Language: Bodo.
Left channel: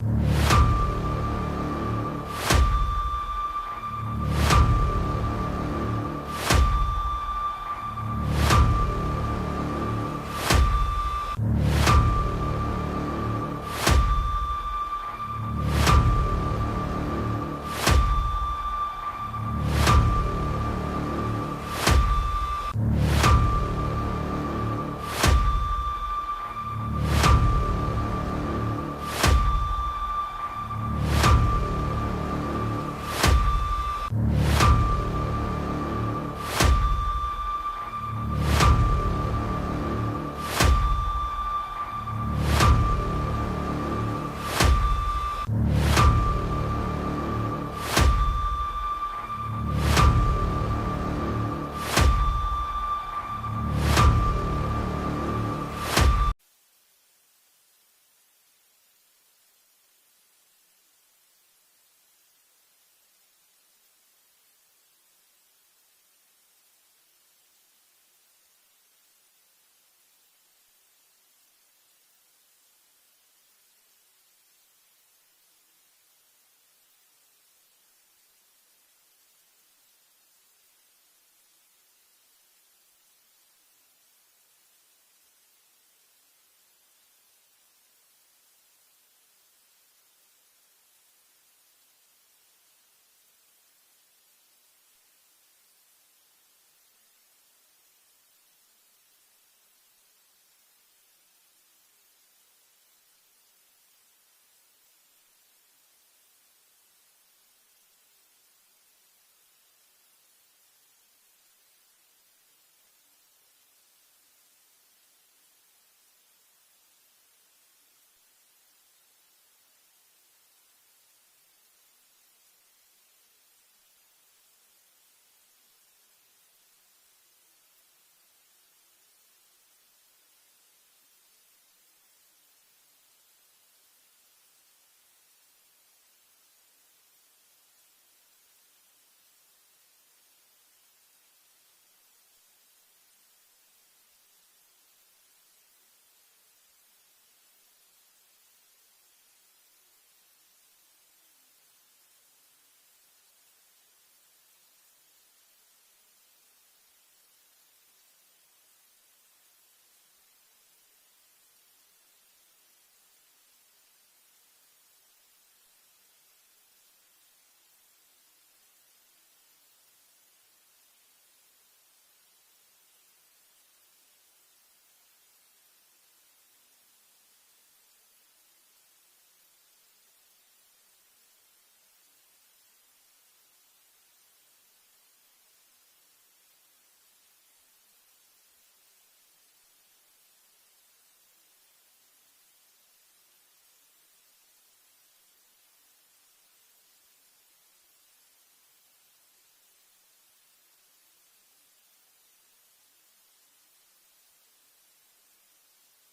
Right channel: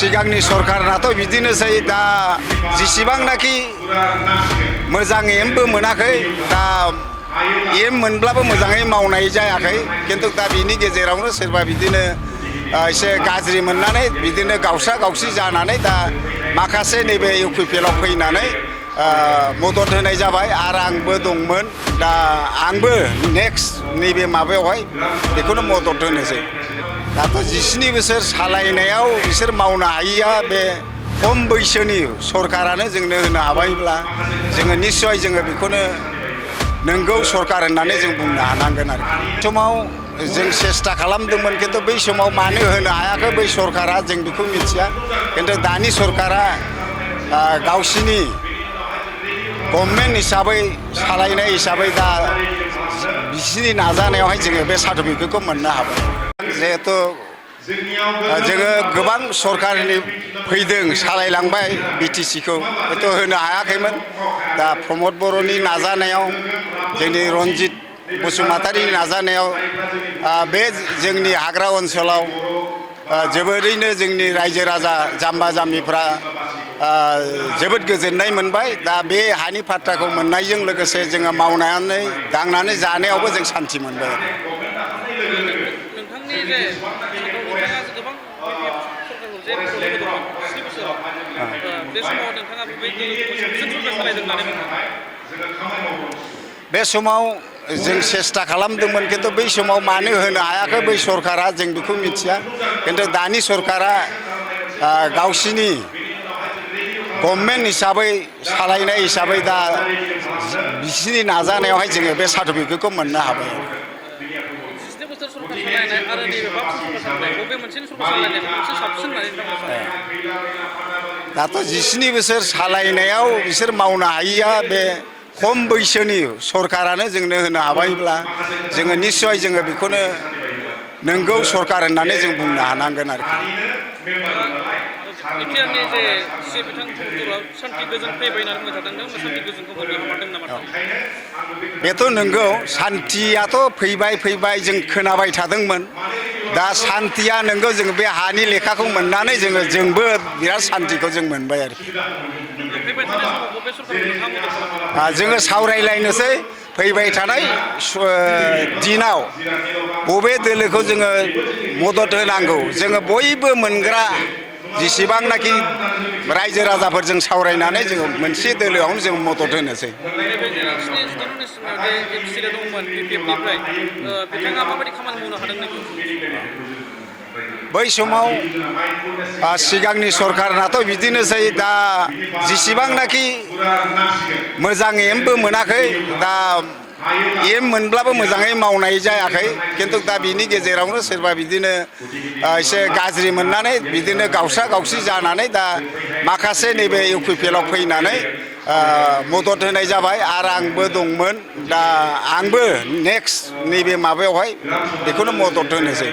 सिगांनि सरकारनाथ' बिदिनोसै दा जेसेबांनाखि मोजां एमबो मोनाखै दा एम मोनब्लाबो मोजाङै मावनाय जायाखै खिन्थु दा बिनि गेजेरावनो सोरबा बिदिनो एसे गाज्रि मोननानै बिदिनो गावसा गावसि जानानै दा माखासे नैबे इउपिपिएलआव फैनानै मदद होनाय जाबाय आरो आंबो दंमोन दा आंबो नेक्स्ट नैबे माबायावहाय बेखौनो मदद होनोसै दाथ' 17 बोसोर सालायनायाव बिसोर मावनो हायिया बे खम बैसोनि सरकारानो जोंनो होनो हाबायब्ला जोङो निस्सय जोङो बेखौनो नंगौ सरकार होननानै जों बुंनो हानांगोन आरो समाव जों सेस्था खालामदोंमोन खिन्थु बै समाव मानो होनो हायाखै बै सरकारा जों बेखौ मिथिया खिन्थु दानि सरकारा गावसिनि गभर्नमेन्ट हिसाबै सालायनाय हिसाबै दा बिसिनि नाजानायावहाय जोङो बे सार्टिफिकेटखौ मोननो हाबाय जिहेतु जोङो गोबां सरकारनि फैदों सालायलांबाय बिटिसिखौ हयथ' होनो हायाखैमोन दा प्रमद बर'नि नाजानायाव जोंनि रन्जित बसुमतारिनि नाजानायाव बे जोंनि हाग्रा ओनसोलाव जोबोरैनो जोंनि रायजो राजा जाम्बा जाम्बिफ्रा जोबोद गोजोननाय मोनबाय दा बे हानि फाट्टाखौ मोननायजों लोगोसे जोङो मावनानै दांनानै जानायावबो जों सान्थि मोनबाय नोंथांनि जे नोंथाङा गोबां सरकारखौ जे मदद होदोंमोन 7 बोसोराव बे समाव नोंथाङा बेबायदि सरकार सालायदों होननानै बुङो बे समाव जों सेस्था खालामदोंमोन खिन्थु बै समाव मानो होनो हायाखै बै सरकारा जों बेखौ मिथिया खिन्थु दानि सरकारा गावसिनि गभर्नमेन्ट हिसाबै सालायनाय हिसाबै दा बिसिनि नाजानायावहाय जोङो बे सार्टिफिकेटखौ मोननो हाबाय 17 बोसोर सरकार सालायनाय आरो नैबे 5 बोसोर सरकार सालायनाय बबे मोनसेनि सरकार सालायनायखौ मोनसे साबसिन होननानै नोंथाङा दाथ' 17 बोसोर सालायनायाव बिसोर मावनो हायिया बे खम बैसोनि सरकारानो जोंनो होनो हाबायब्ला जोङो निस्सय जोङो बेखौनो नंगौ सरकार होननानै जों बुंनो हानांगोन आरोखि बिटिआरनि जे सि बिथां प्रमदआ सान्थि गोजोन फैबाय होननानै बुंबाय थादों सान्थि गोजोनखौ मोननो हामारदों नामा बेथ' नंगौ सान्थियाथ' फैबाय जों खोनाबाय थादोंमोन दा सान्थिया नंगौ जोङो बे हानि लेखाखौ मोननानै जोंबो बिराद सान्थिखौ जों मोनबाय आरोखि जोङो सावरायलायनोसै फैबाय थानाय दिनाव बबे दोलोखौ जोङो मदद होनांगौ जोङो बयबो मोनग्रा जेसेबांनाखि रायजो राजाफोरजों सावरायनानै जोङो मोनसे दोलोआवनो जों मदद होनोसै बै समाव सिगांनि सरकारनाथ' बिदिनोसै दा जेसेबांनाखि मोजां एमबो मोनाखै दा एम मोनब्लाबो मोजाङै मावनाय जायाखै खिन्थु दा बिनि गेजेरावनो सोरबा बिदिनो एसे गाज्रि मोननानै बिदिनो गावसा गावसि जानानै दा माखासे नैबे इउपिपिएलआव फैनानै मदद होनाय जाबाय आरो आंबो दंमोन दा आंबो नेक्स्ट नैबे माबायावहाय बेखौनो मदद होनोसै